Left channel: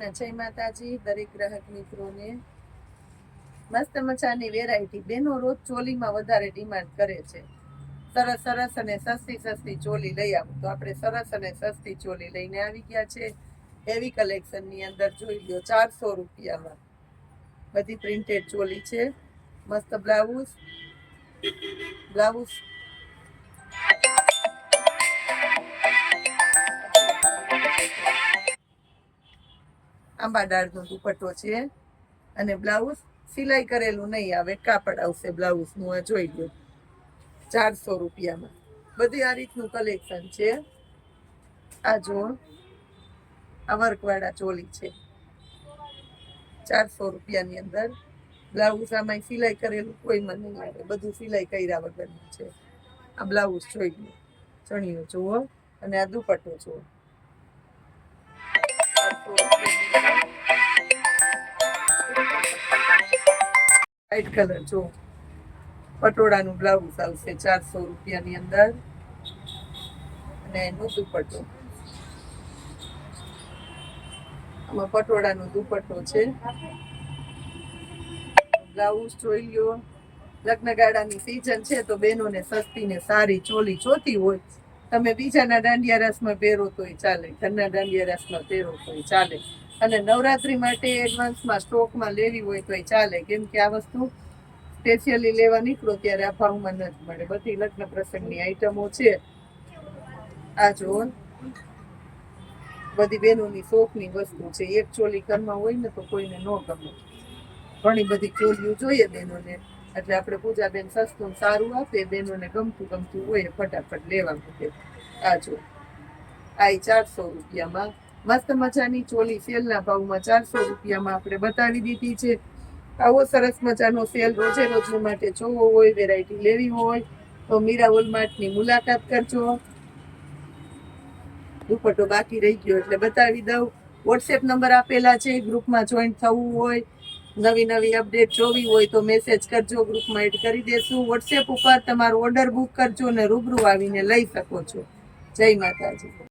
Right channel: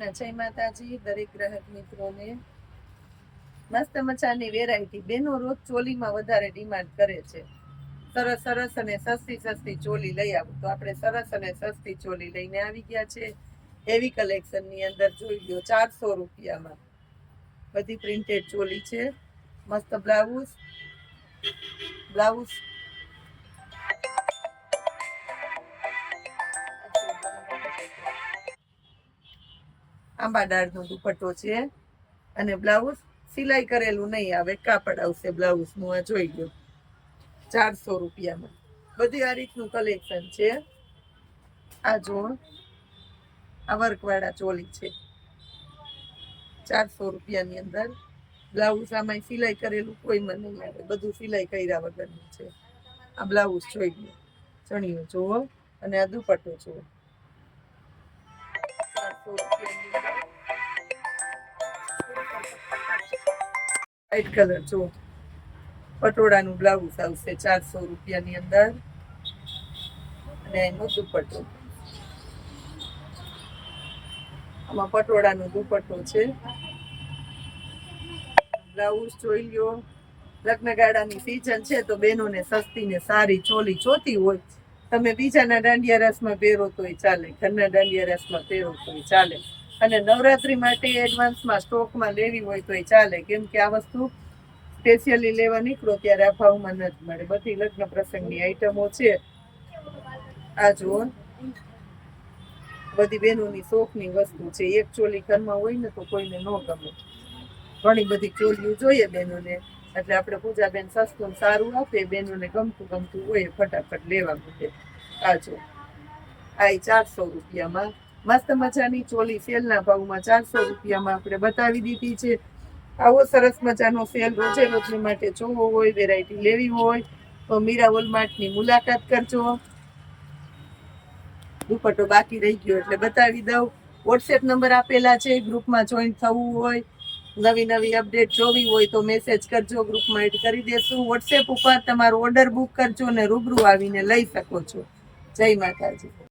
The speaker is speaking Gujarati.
કૃષ્ણ જય માતાજી, દરેક ગ્રાહક મિત્રોને. મસ્ત મજાની વેરાયટી બેનો રોજ ચોલીમાં વધારે ડિમાન્ડ કરે છે. સરસ સરસ અને સસ્તી સસ્તી ચોલી લઈ આવું. તો આપણે સરસ અને સસ્તી ચોલી લઈને આવી ગયા છે. હેવી કલેક્શનની અંદર જોઈ લો ચારસો રૂપિયામાં. બધી પ્રિન્ટેડ ચોલી છે. મસ્ત બ્લાઉઝ બ્લાઉઝ આંબા ડાળનો દુપટ્ટો છે. અને બ્લાઉઝ સિલાઈ કરેલું નહીં આવે, કાપડ આવશે બ્લાઉઝનું, આ જોઈ લો ચારસો રૂપિયામાં. બધી આ રીતનું કલેક્શન છે. આ જો, આ વર્કવાળા ચોલી છે. ચારસો રૂપિયાની અંદર. બ્લાઉઝ આમાં સિલાઈ કરેલું કોઈમાં નહીં આવે. બધું સિલાઈ કર્યા વગરનું છે. આ બ્લાઉઝ જોઈ લો ચણિયો જુઓ અને આ દુપટ્ટો જુઓ. વ્હાઈટ કલર જો. પટોળાનું બ્લાઉઝ આવશે ચારસો રૂપિયાની અંદર. અને એનો દુપટ્ટો. આમાં પટોળાનો દુપટ્ટો છે. બ્લાઉઝ જોઈ લ્યો. લગ્નગાળાની સિઝન છે તો બહેનોને સસ્તી ને સારી ચોલી જોતી હોય. તમે બીજાના દાંડિયા રસમાં પહેરો તોય ચાલે. ઘરના દાંડિયા રસમાં પહેરો તોય ચાલે. અને નવરાત્રી માટે એડવાન્સમાં સ્ટોકમાં લેવી હોય તોય ચાલે. કેમ કે આ વસ્તુ સ્પેશિયલી લેવા નીકળો ત્યારે આ ભાવમાં નથી મળે. બધી લગ્ન પ્રસંગની આઈટમો છે. આ જુઓ. બધી બહેનોની શોખની વસ્તુ છે. એક ચોલી ઘરમાં હોય ને તો કોઈને ન ગમે. ઘણી બધી ચોલીઓ જોઈએ બહેનોને. એટલે આપણે પૂજાબેન સસ્તું ને સારું આપે. બહેનોને ગમતું ગમતું હોય ફટાફટ લેવા મૂકે. આ જો આ ચારસો રૂપિયામાં મસ્ત મજાની ચોલી સેલના ભાવમાં ચારસો રૂપિયામાં આપણે બતાવી દીધી છે. આવો સરસ મજાનો સેલ રોજે રોજને માટે જોવો હોય વેરાયટી લેવી હોય, તો મીરા વોલમાર્ટની મુલાકાત કરજો. દુપટ્ટો બાકી રહી ગયો એટલે બતાવી દઉં. વોટ્સએપ નંબર આપેલા છે, ગ્રુપમાં જોઈન થવું હોય, નવી નવી અપડેટ જોવી હોય તો મેસેજ કરજો, ગ્રુપમાં એડ કરી દેશું. વોટ્સએપ ઉપર તમારો ઓર્ડર બુક કરજો અને રૂબરૂ આવીને લઈ શકો છો. જય માતાજી.